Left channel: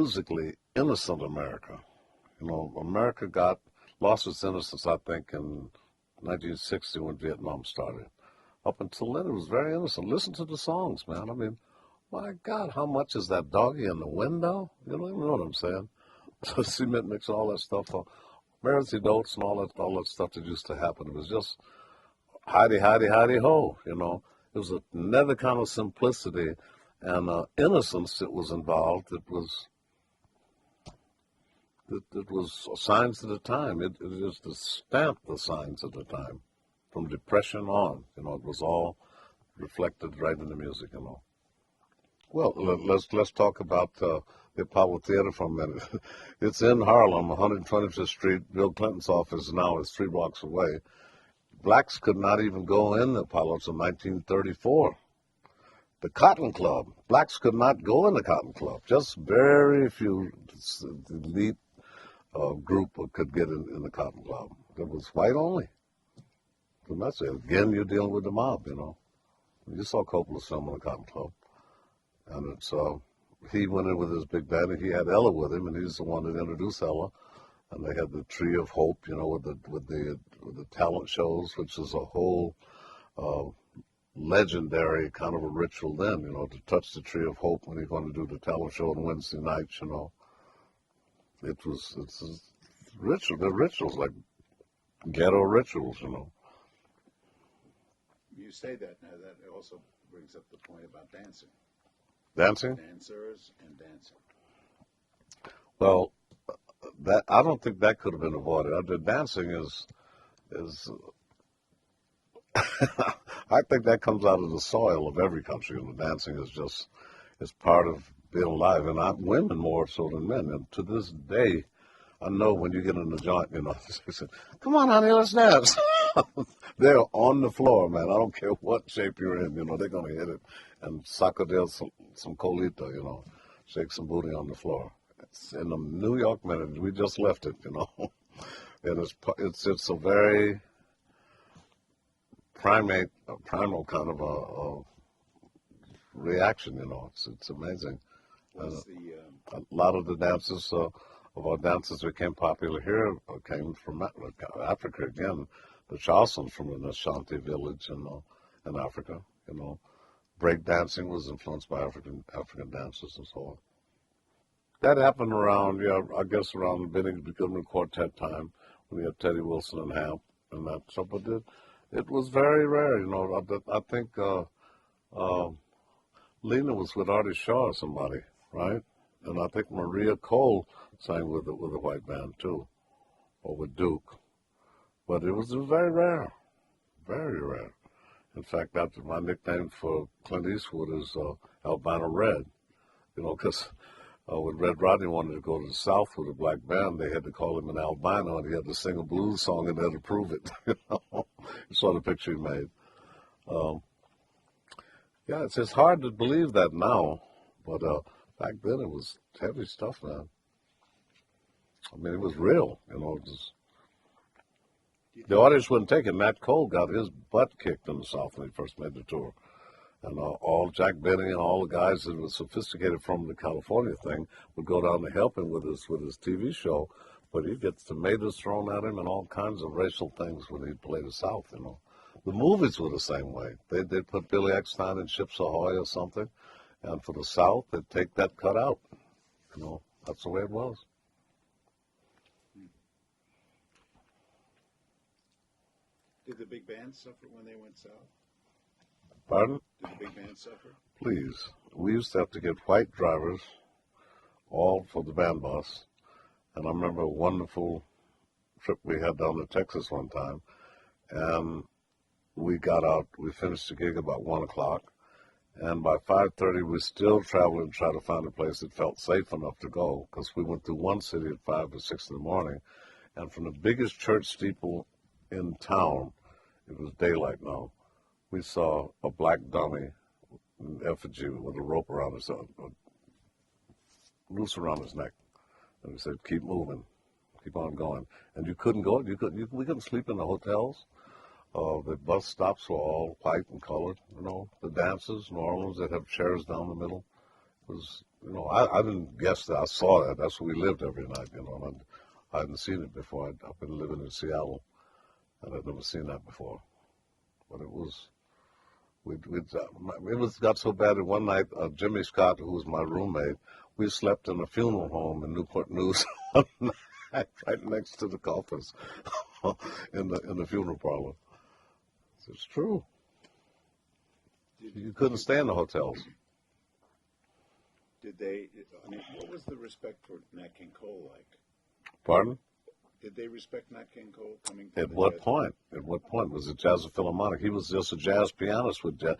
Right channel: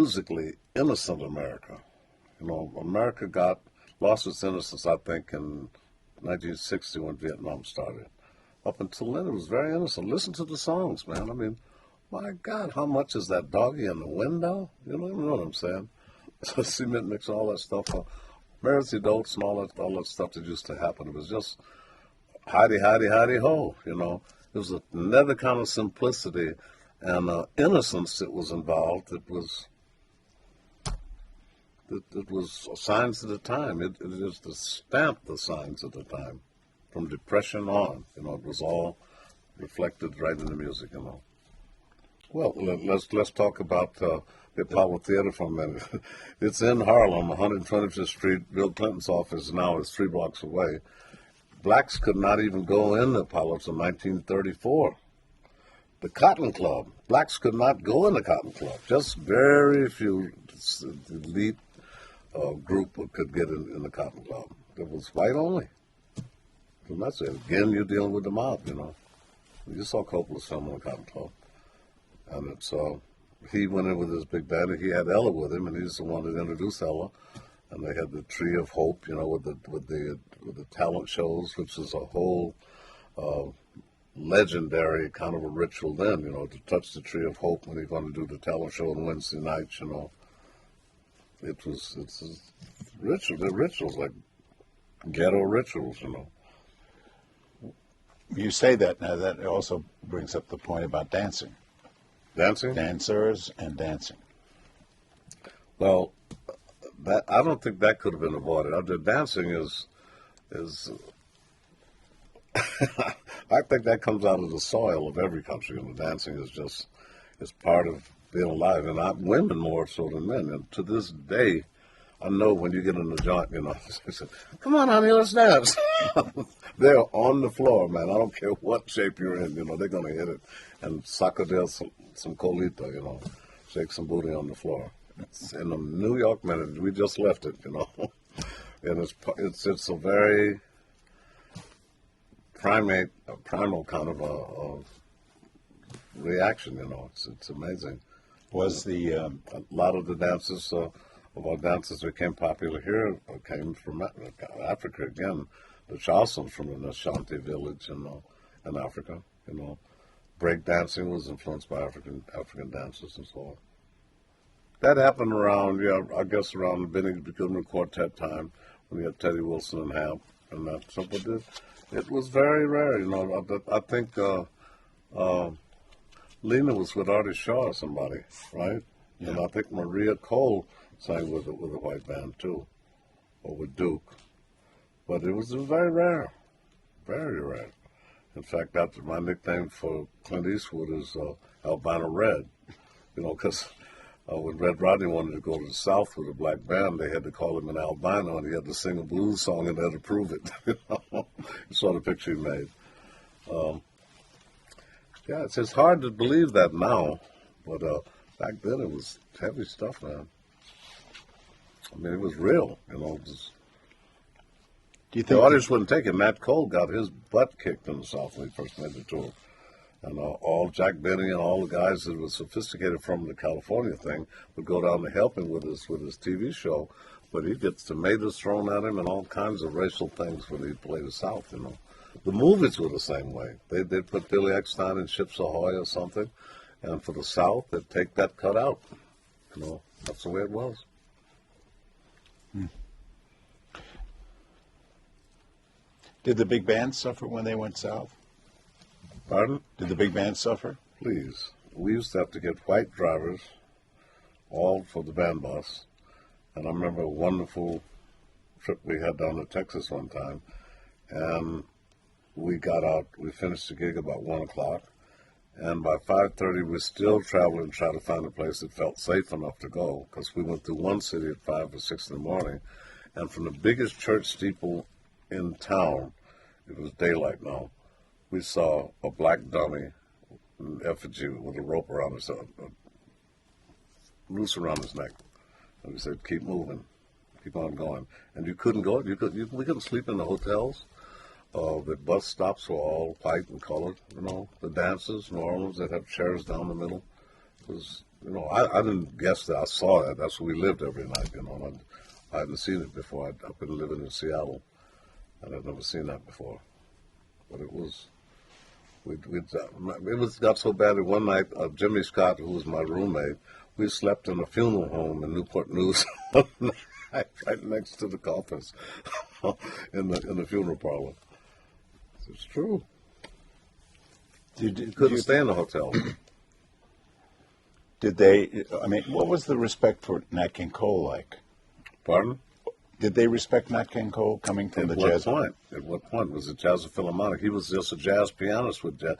musically innocent America. America lost its innocence, I think, in 1960 when Vietnam started. Up until then, it was very innocent. Listen to the songs, man. I mean, my God, how much is that doggy in the window? You know what I'm saying? Cement mix, all that stuff. Mercy Dotes and all that stuff that used to happen. It was just hidey, hidey, hidey, ho, There was another kind of simplicity and innocence that was involved. It was signs of the time. It was the stamp the signs of the time. From Depression on, it was all reflected right in the music, Well, let's talk about the Apollo Theater for a minute. It's in Harlem, 125th Street. Bill Clinton's office now is 3 blocks away. Blacks could not even go in the Apollo until 1934. The Cotton Club. Blacks could not go in the Cotton Club. Just very few, the elite group could get in the Cotton Club. It was white only. Again, you're dealing with the mob, You saw Coppola's film in the Cotton Club. And it's, he went in with his big band, and he had Ella with him, and he's the one that introduced Ella. And they had the Tree of Hope, with the talent shows, which is a whole legendary kind of a ritual then, to touch the Tree of Hope when you're going to do the talent show on Wednesday nights, It's a ritual. The rituals, like ghetto rituals, You say that now. That also brings up the point about dancing. Dancing? Dancers and dancing. Well, I don't think that could have been avoided. The dancing is I think that comes out of the soil of every country, and the dancing is part of being alive, and women more so than men. And to this day, I know when you get in the joint, they say, "Come on, honey, let's dance." They're on the floor, man. I don't care what shape you're in, they're going to hit it and sacudil some colita, shake some booty on the floor. It's in the New York minute. We just left it, and it's a very primal kind of a reaction, It's amazing. Was the a lot of the dances of our dances that became popular here came from Africa again. The Charlestons from the Ashanti village in Africa, Break dancing was influenced by African dancers and so on. That happened around, I guess around the Benny Goodman Quartet time, when we had Teddy Wilson and Hap and that. So, but it was very rare, I think Lena was with Artie Shaw or somebody, right? Yeah. And I think Maria Cole sang with a white band too, or with Duke. But it was very rare, very rare. In fact, that's my nickname for Clint Eastwood is Albino Red, because when Red Rodney wanted to go to the South with a black band, they had to call him an albino, and he had to sing a blues song and had to prove it. You saw the picture he made. It's hard to believe that now, but back then it was heavy stuff, man. I mean, it was real, Do you think the audience wouldn't take it. Nat Cole got his butt kicked in the South when he first made the tour. And all Jack Benny and all the guys that were sophisticated from the California thing would go down to help him with his TV show. But he gets tomatoes thrown at him and all kinds of racial things when he played the South, The movies were the same way. They'd put Billy Eckstine in Ships Ahoy or something. And for the South, they'd take that cut out. That's the way it was. Did the big band suffer when they went south? Pardon? Did the big band suffer? Please. We used to have to get white drivers, all for the band bus. And I remember a wonderful trip we had down to Texas one time. And we got out, we finished the gig about 1 o'clock. And by 5:30, we still traveled and tried to find a place that felt safe enough to go, because we went through one city at 5 or 6 in the morning. And from the biggest church steeple in town, it was daylight now, we saw a black dummy, an effigy with a rope around his head, noose around his neck. And we said, keep moving, keep on going. And you couldn't go, we couldn't sleep in the hotels. The bus stops were all white and colored, the dances, New Orleans, they'd have chairs down the middle. It was You know, I didn't guess that. I saw that. That's where we lived every night. You know, and I hadn't seen it before. I've been living in Seattle, and I'd never seen that before. But it was. It was got so bad that one night, Jimmy Scott, who was my roommate, we slept in a funeral home in Newport News, right next to the coffins, in the funeral parlor. It's true. You couldn't stay in the hotel. Did they? I mean, what was the respect for Nat King Cole like? Pardon? Did they respect Nat King Cole coming from the jazz? At what point was it Jazz at the Philharmonic? He was just a jazz pianist with Jazz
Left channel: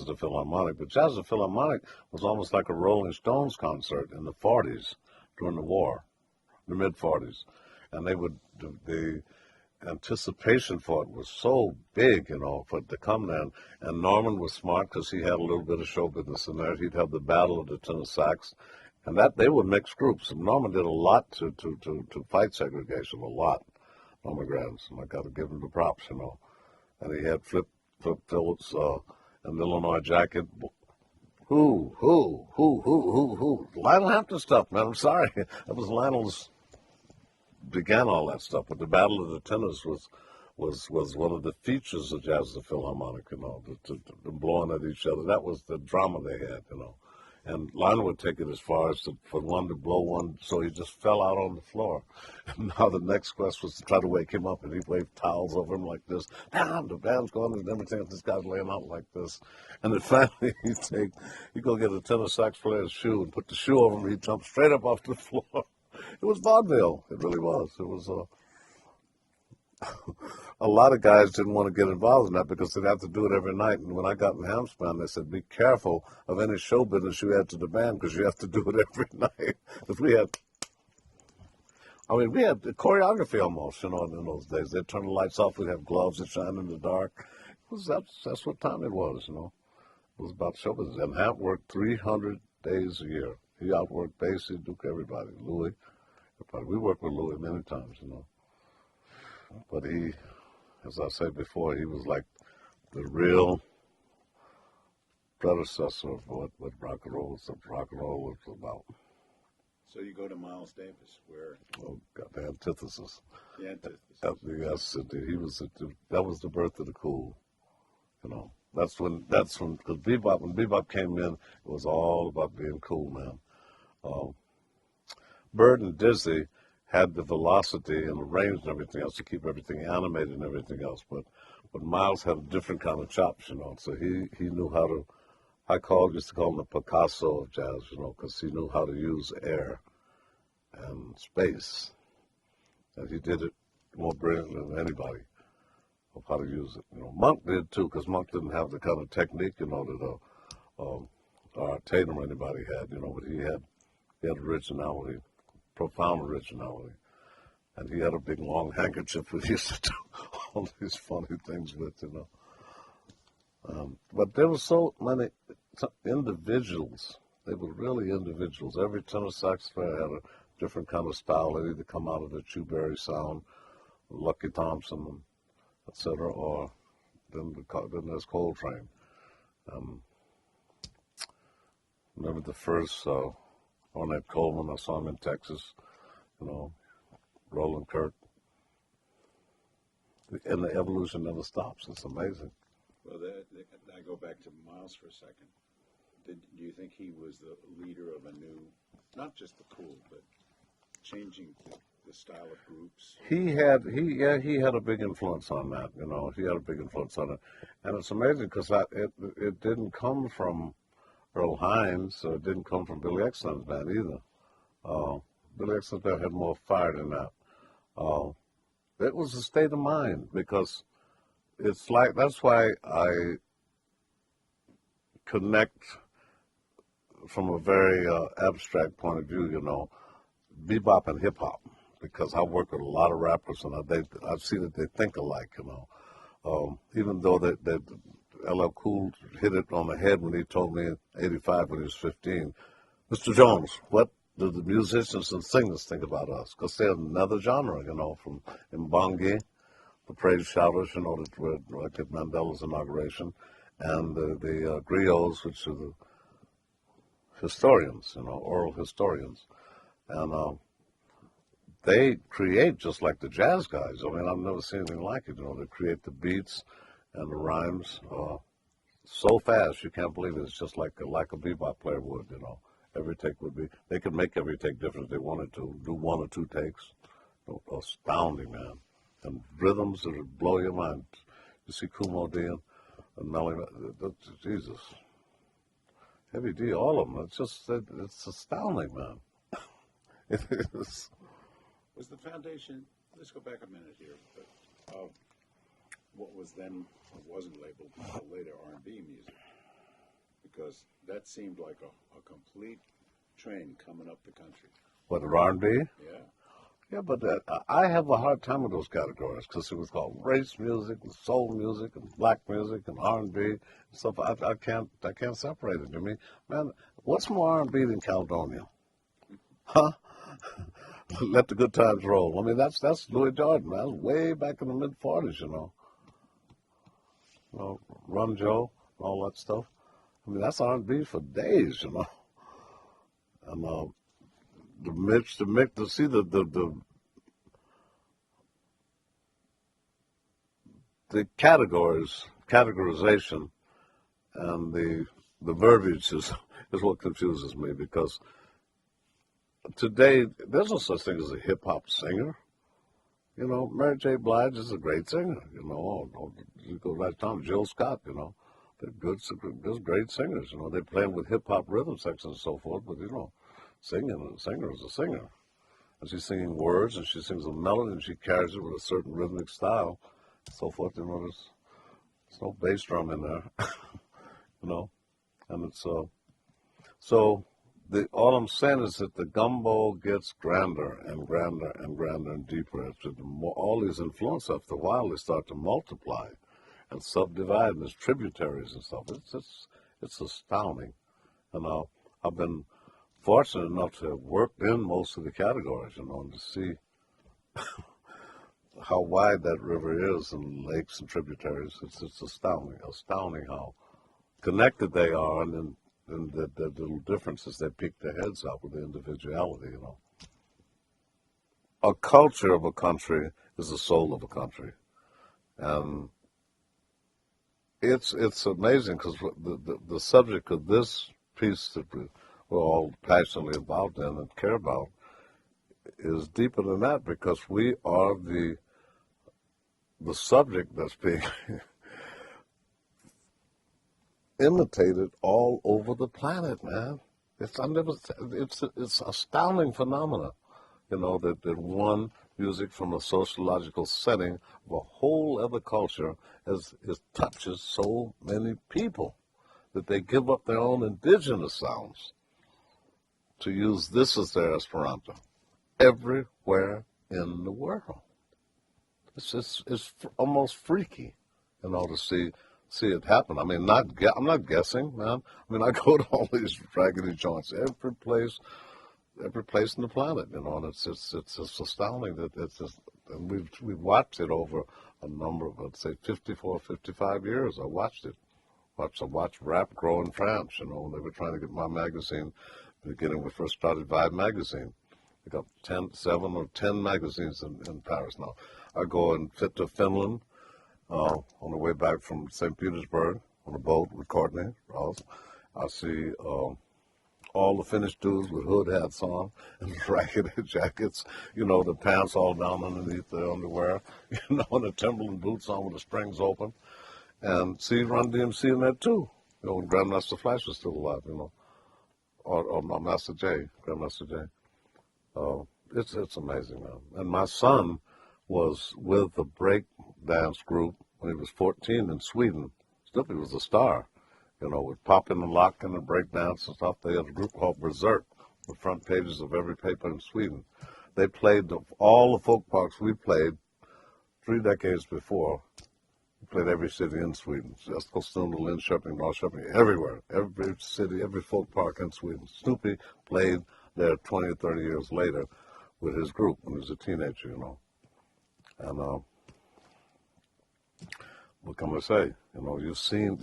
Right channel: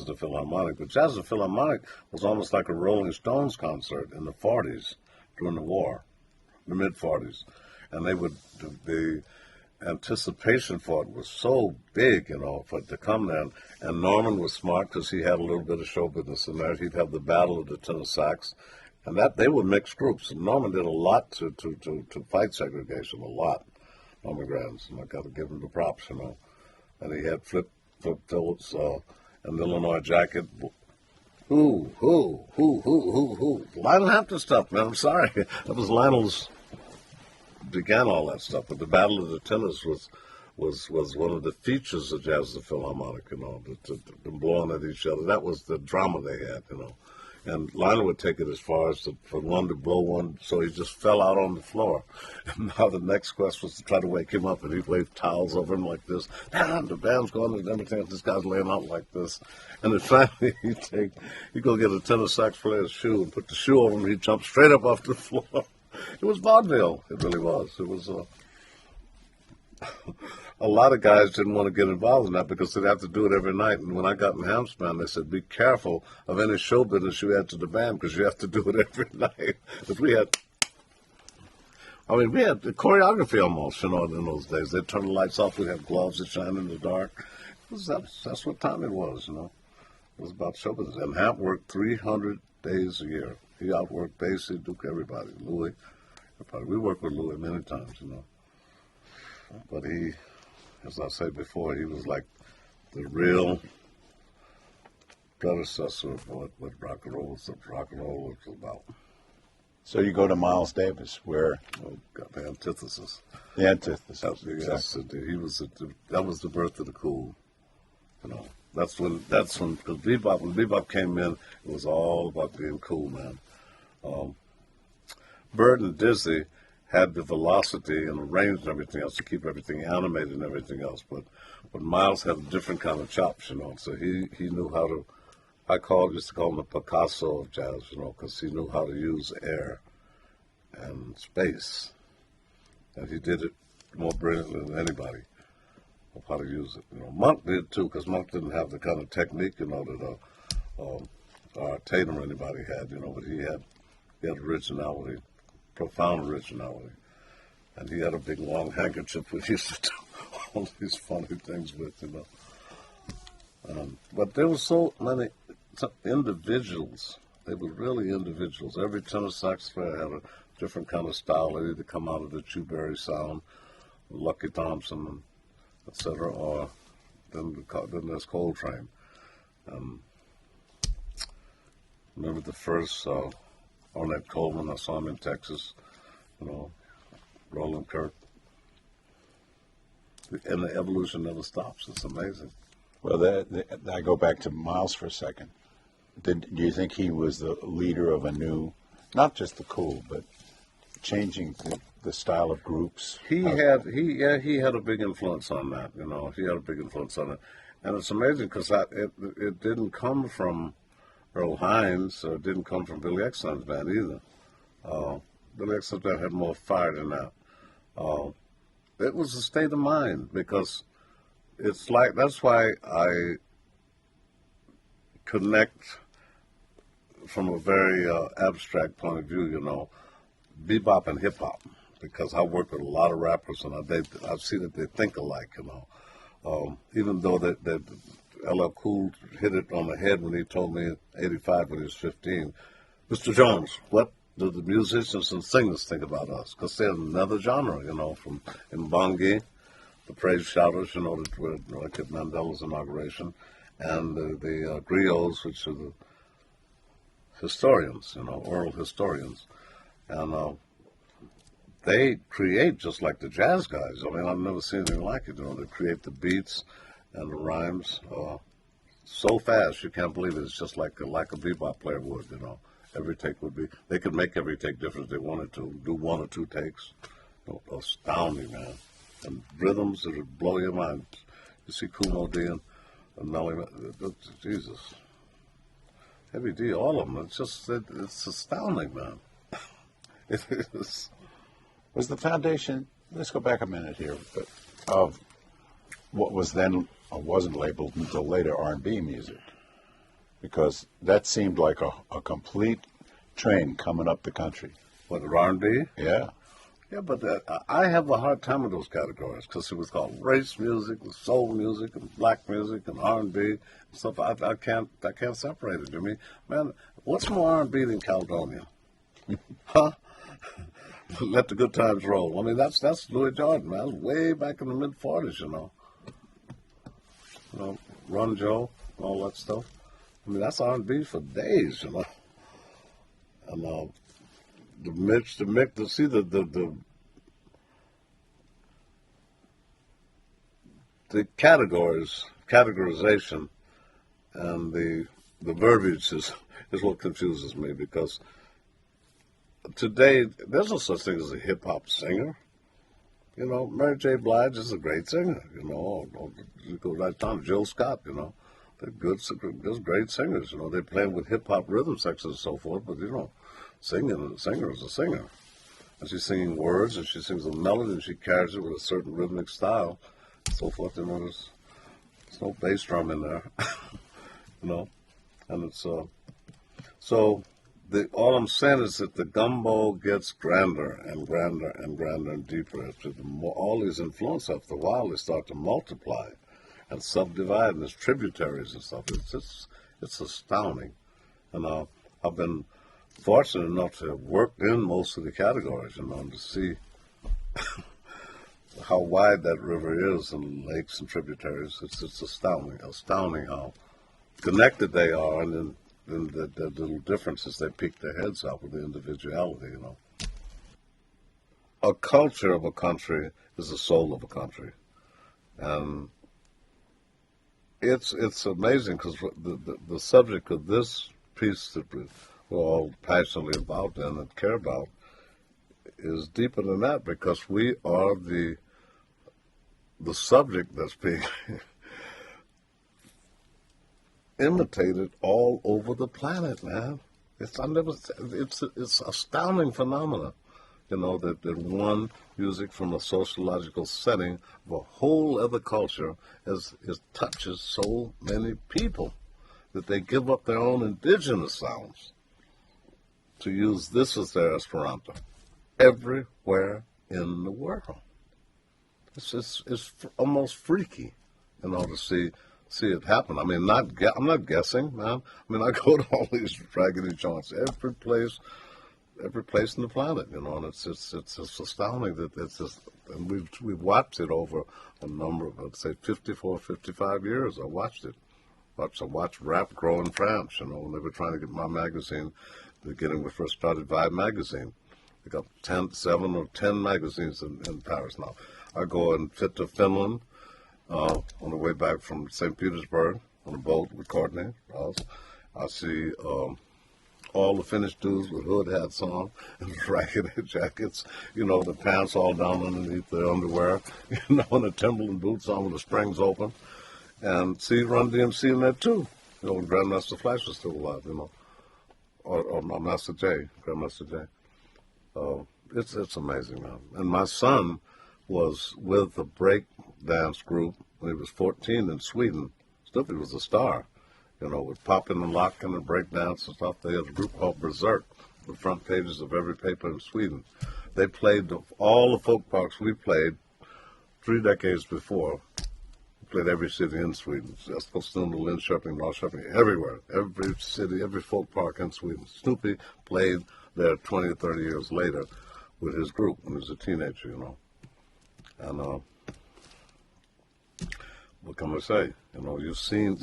at the Philharmonic. But Jazz at the Philharmonic was almost like a Rolling Stones concert in the 40s during the war, the mid-40s. And the anticipation for it was so big, you know, for it to come there. And Norman was smart because he had a little bit of show business in there. He'd have the Battle of the Tenor Sax. And that they were mixed groups. And Norman did a lot to fight segregation, a lot. Norman Granz, and I got to give him the props, you know. And he had Flip Phillips and the Illinois Jacket. Who? Lionel Hampton stuff, man. I'm sorry. That was Lionel's began all that stuff. But the Battle of the Tenors was one of the features of Jazz at the Philharmonic, you know, the blowing at each other. That was the drama they had, you know. And Lionel would take it as far as for one to blow one, so he just fell out on the floor. And now the next quest was to try to wake him up, and he'd wave towels over him like this. Damn, the band's going and everything. This guy's laying out like this. And then finally he'd go get a tenor sax player's shoe and put the shoe over him, and he'd jump straight up off the floor. It was vaudeville. It really was. It was a lot of guys didn't want to get involved in that because they'd have to do it every night. And when I got in Ham's band, they said, be careful of any show business you add to the band because you have to do it every night. Because we had the choreography almost, you know, in those days. They'd turn the lights off. We'd have gloves that shine in the dark. That's what time it was, you know. It was about show business. And Ham worked 300 days a year. He outworked Basie, Duke, everybody. Louis. We worked with Louis many times, you know. But he, as I said before, he was like the real predecessor of what rock and roll was about. So you go to Miles Davis, where The antithesis. The antithesis. Yes, that was the birth of the cool. You know, that's when because when bebop came in, it was all about being cool, man. Bird and Dizzy had the velocity and the range and everything else to keep everything animated and everything else, but Miles had a different kind of chops, you know. So he knew how to. Used to call him the Picasso of jazz, you know, because he knew how to use air and space, and he did it more brilliantly than anybody of how to use it. You know, Monk did too, because Monk didn't have the kind of technique, you know, that Tatum or anybody had, you know, but he had originality, profound originality, and he had a big long handkerchief we used to do all these funny things with, you know. But there were so many individuals. They were really individuals. Every tenor sax player had a different kind of style. They either come out of the Chewberry sound, Lucky Thompson, etc., or then there's Coltrane. Remember the first Ornette Coleman, I saw him in Texas, you know, Roland Kirk. And the evolution never stops. It's amazing. Well, I go back to Miles for a second. Do you think he was the leader of a new, not just the cool, but changing the style of groups? He had a big influence on that. You know, he had a big influence on it, and it's amazing because it didn't come from Earl Hines. It didn't come from Billy Eckstine's band either. Billy Eckstine's band had more fire than that. It was a state of mind because it's like that's why I connect from a very abstract point of view, you know, bebop and hip hop, because I work with a lot of rappers and I've seen that they think alike, you know. Even though LL Cool hit it on the head when he told me at 85 when he was 15, Mr. Jones, what do the musicians and singers think about us? Because they're another genre, you know, from Mbongi, the praise shouters, you know, where Kid Mandela's inauguration, and the griots, which are historians, oral historians, and they create just like the jazz guys. I mean, I've never seen anything like it. They create the beats and the rhymes so fast you can't believe it. It's just like a bebop player would. Every take would be. They could make every take different if they wanted to. Do one or two takes. Astounding, man. And rhythms that would blow your mind. You see Kumo D and Melly. Jesus. Heavy D, all of them. It's astounding, man. It is. Was the foundation, let's go back a minute here, but of what was then, or wasn't labeled until later, R&B music? Because that seemed like a complete train coming up the country. What, R&B? Yeah. Yeah, but I have a hard time with those categories because it was called race music, and soul music, and black music, and R&B and stuff. I can't separate it. I mean, man, what's more R&B than Caledonia? Huh? Let the good times roll. I mean, that's Louis Jordan. That was way back in the mid-40s, Run Joe, all that stuff. I mean, that's R&B for days, And the Mitch, the Mick, to see the categorization, and the verbiage is what confuses me, because today there's no such thing as a hip hop singer. Mary J. Blige is a great singer. You go right down, Jill Scott. They're good, great singers. They play with hip hop rhythm sections and so forth. But singing, a singer is a singer, and she's singing words, and she sings a melody, and she carries it with a certain rhythmic style, and so forth. There's no bass drum in there. And it's so. All I'm saying is that the gumbo gets grander and grander and grander and deeper. All these influences, after a while, they start to multiply and subdivide, and there's tributaries and stuff. It's astounding. I've been fortunate enough to have worked in most of the categories, and to see how wide that river is, and lakes and tributaries. It's astounding how connected they are, and then the little differences, they peek their heads out with the individuality, A culture of a country is the soul of a country. And it's amazing, because the subject of this piece that we're all passionately about and care about is deeper than that, because we are the subject that's being imitated all over the planet, man. It's astounding phenomena, that one music from a sociological setting of a whole other culture touches so many people that they give up their own indigenous sounds to use this as their Esperanto everywhere in the world. It's almost freaky, to see it happen. I mean, I'm not guessing, man. I mean, I go to all these raggedy joints, every place in the planet, and it's astounding that and we've watched it over a number of, I'd say, 54, 55 years. I watched it. I watched rap grow in France, when they were trying to get my magazine, when we first started Vibe magazine. We got 7 or 10 magazines in Paris now. I go and fit to Finland, on the way back from St. Petersburg on a boat with Courtney Ross. I see all the Finnish dudes with hood hats on and raggedy jackets, the pants all down underneath the underwear, and the Timberland boots on with the springs open. And see Run DMC in there too. Grandmaster Flash was still alive, or Master J, Grandmaster J. It's amazing, man. And my son was with a break dance group when he was 14 in Sweden. Snoopy was a star, with popping and locking and break dance and stuff. They had a group called Berserk, the front pages of every paper in Sweden. They played all the folk parks we played 3 decades before. We played every city in Sweden. Eskilstuna, Linköping, Norrköping, everywhere. Every city, every folk park in Sweden. Snoopy played there 20 or 30 years later with his group when he was a teenager, And what can I say? You've seen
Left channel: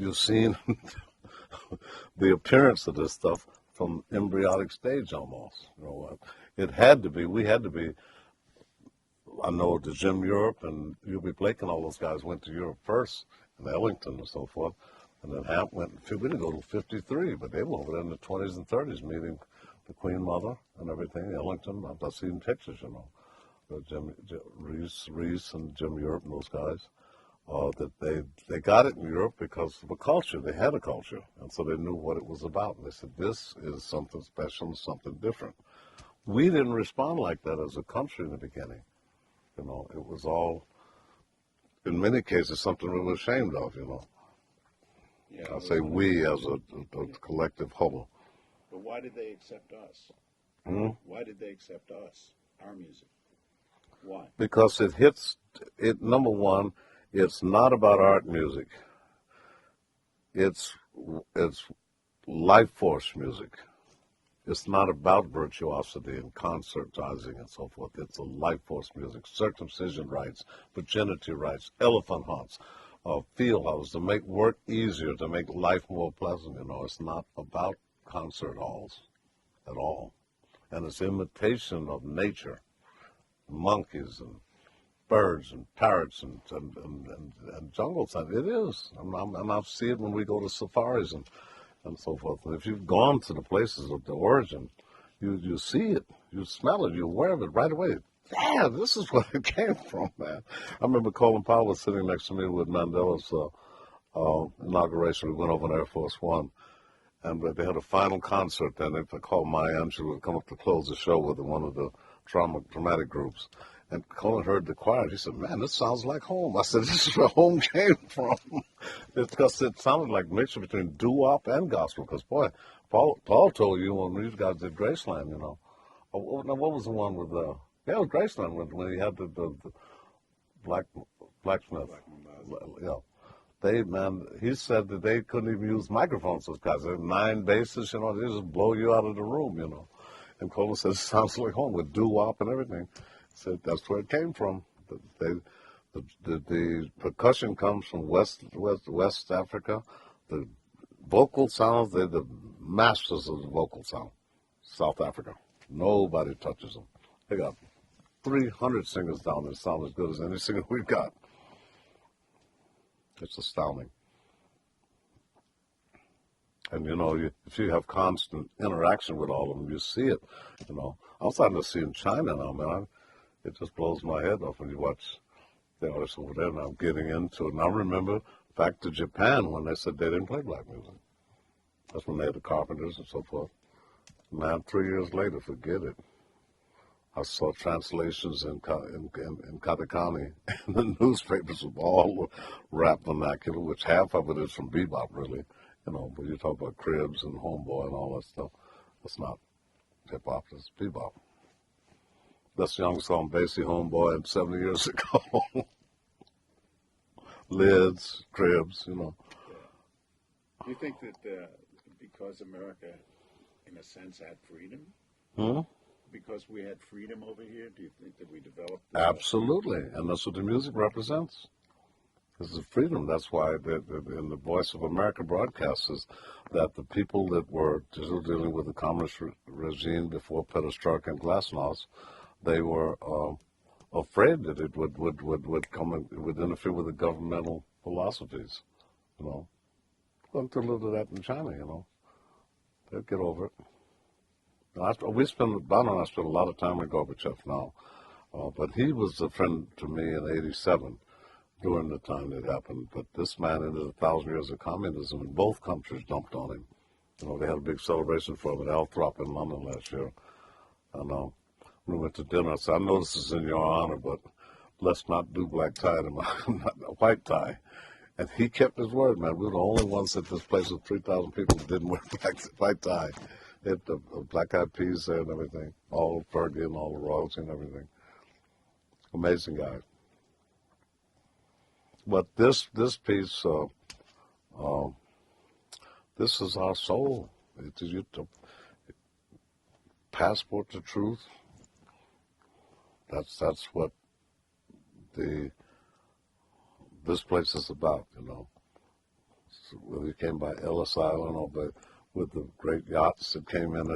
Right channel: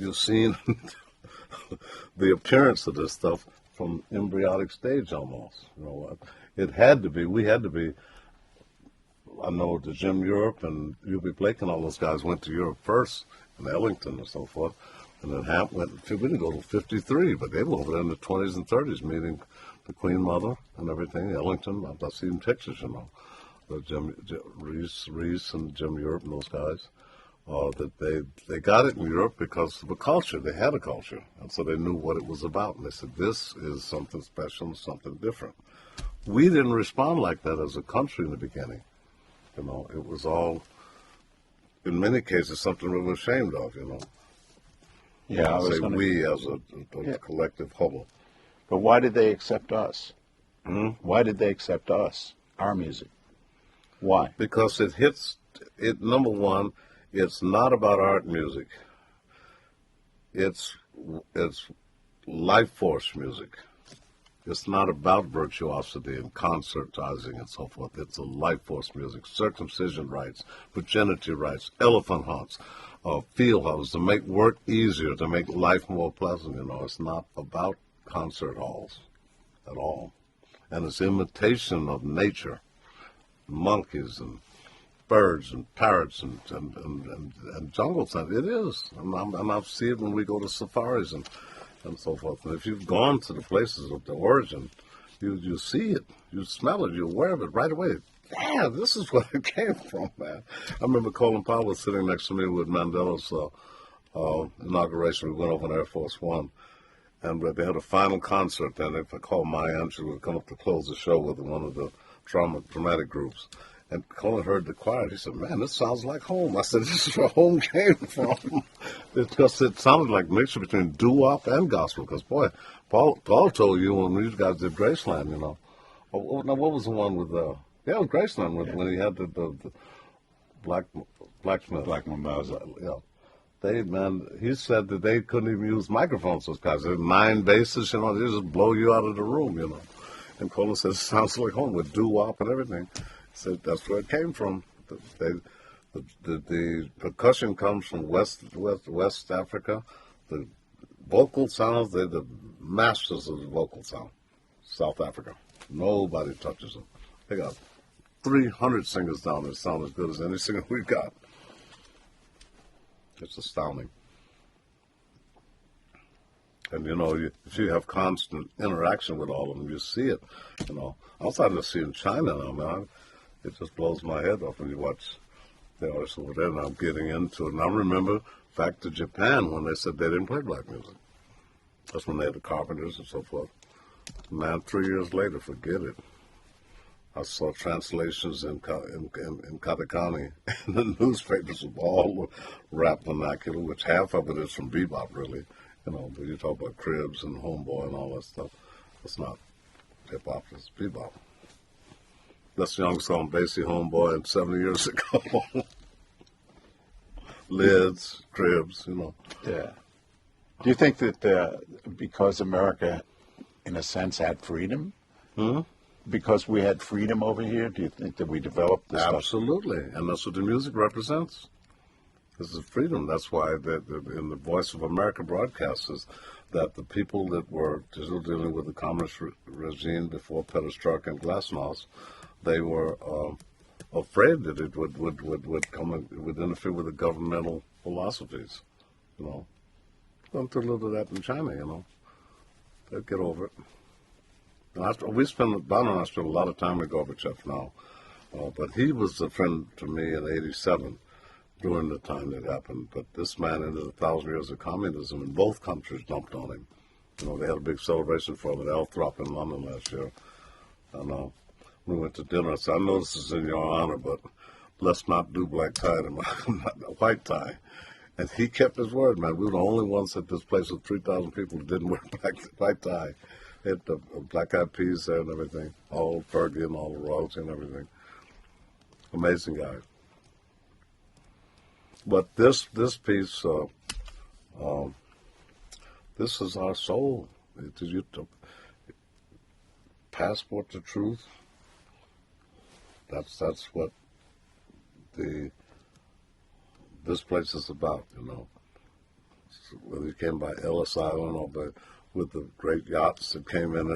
the appearance of this stuff from embryonic stage almost. You know what? It had to be. We had to be. I know the Jim Europe and U.B. Blake and all those guys went to Europe first, and Ellington and so forth. And then Hap went, we didn't go to 53, but they were over there in the 20s and 30s meeting the Queen Mother and everything. Ellington, I've seen pictures, you know. Jim Reese and Jim Europe and those guys. That they got it in Europe because of a culture. They had a culture, and so they knew what it was about. And they said, this is something special, something different. We didn't respond like that as a country in the beginning. You know, it was all, in many cases, something we were ashamed of, you know. Yeah, I was say gonna... we as a collective whole. But why did they accept us? Why did they accept us, our music? Why? Because it hits, number one, it's not about art music. It's life force music. It's not about virtuosity and concertizing and so forth. It's a life force music. Circumcision rites, virginity rites, elephant hunts, field halls to make work easier, to make life more pleasant. You know, it's not about concert halls at all. And it's imitation of nature, monkeys and birds and parrots and jungle sound. It is. And I see it when we go to safaris and so forth. And if you've gone to the places of the origin, you see it, you smell it, you're aware of it right away. Yeah, this is where it came from, man. I remember Colin Powell was sitting next to me with Mandela's inauguration. We went over on Air Force One, and they had a final concert. And if I called Maya Angelou would come up to close the show with one of the dramatic groups. And Colin heard the choir. He said, "Man, this sounds like home." I said, "This is where home came from." Because it sounded like a mixture between doo-wop and gospel. Because, boy, Paul told you when these guys did Graceland, you know. Now, what was the one with Graceland when he had the blacksmith. Black Mamba's. He said that they couldn't even use microphones, those guys. They had 9 basses, you know. They just blow you out of the room, you know. And Colin said, "It sounds like home with doo-wop and everything." So that's where it came from. The percussion comes from West Africa. The vocal sounds, they're the masters of the vocal sound. South Africa. Nobody touches them. They got 300 singers down there sound as good as any singer we've got. It's astounding. And, you know, if you have constant interaction with all of them, you see it, you know. I'm starting to see in China now, man. It just blows my head off when you watch, you know, so whatever I'm getting into. And I remember back to Japan when they said they didn't play black music. That's when they had the Carpenters and so forth. Now, 3 years later, forget it. I saw translations in katakana in the newspapers of all rap vernacular, which half of it is from bebop, really. You know, but you talk about Cribs and Homeboy and all that stuff. It's not hip-hop, it's bebop. That's the young song, Basie Homeboy, and 70 years ago. Lids, Cribs, you know. Yeah. Do you think that because America, in a sense, had freedom, because we had freedom over here, do you think that we developed this stuff? Absolutely, and that's what the music represents. This is freedom. That's why in the Voice of America broadcasts that the people that were dealing with the communist regime before Perestroika and Glasnost, they were afraid that it would come and would interfere with the governmental philosophies. You know, gone through a little of that in China. You know, they'll get over it. And Don and I spent a lot of time with Gorbachev now, but he was a friend to me in '87 during the time that happened. But this man, in his 1,000 years of communism, in both countries dumped on him. You know, they had a big celebration for him at Althrop in London last year. I know. We went to dinner. I said, "I know this is in your honor, but let's not do black tie and white tie." And he kept his word, man. We were the only ones at this place with 3,000 people who didn't wear white tie. The Black Eyed Peas there and everything. All Fergie and all the Rogues and everything. Amazing guy. But this piece, this is our soul. Passport to truth. That's what this place is about, you know. Whether you came by Ellis Island or with the great yachts that came in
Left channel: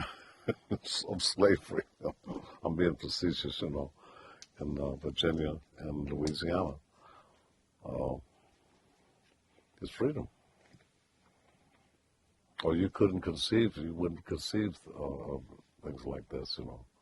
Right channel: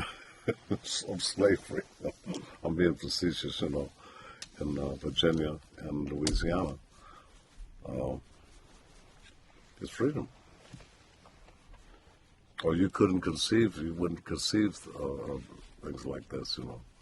of slavery. I'm being facetious, you know, in Virginia and Louisiana. It's freedom. Or you wouldn't conceive things like this, you know.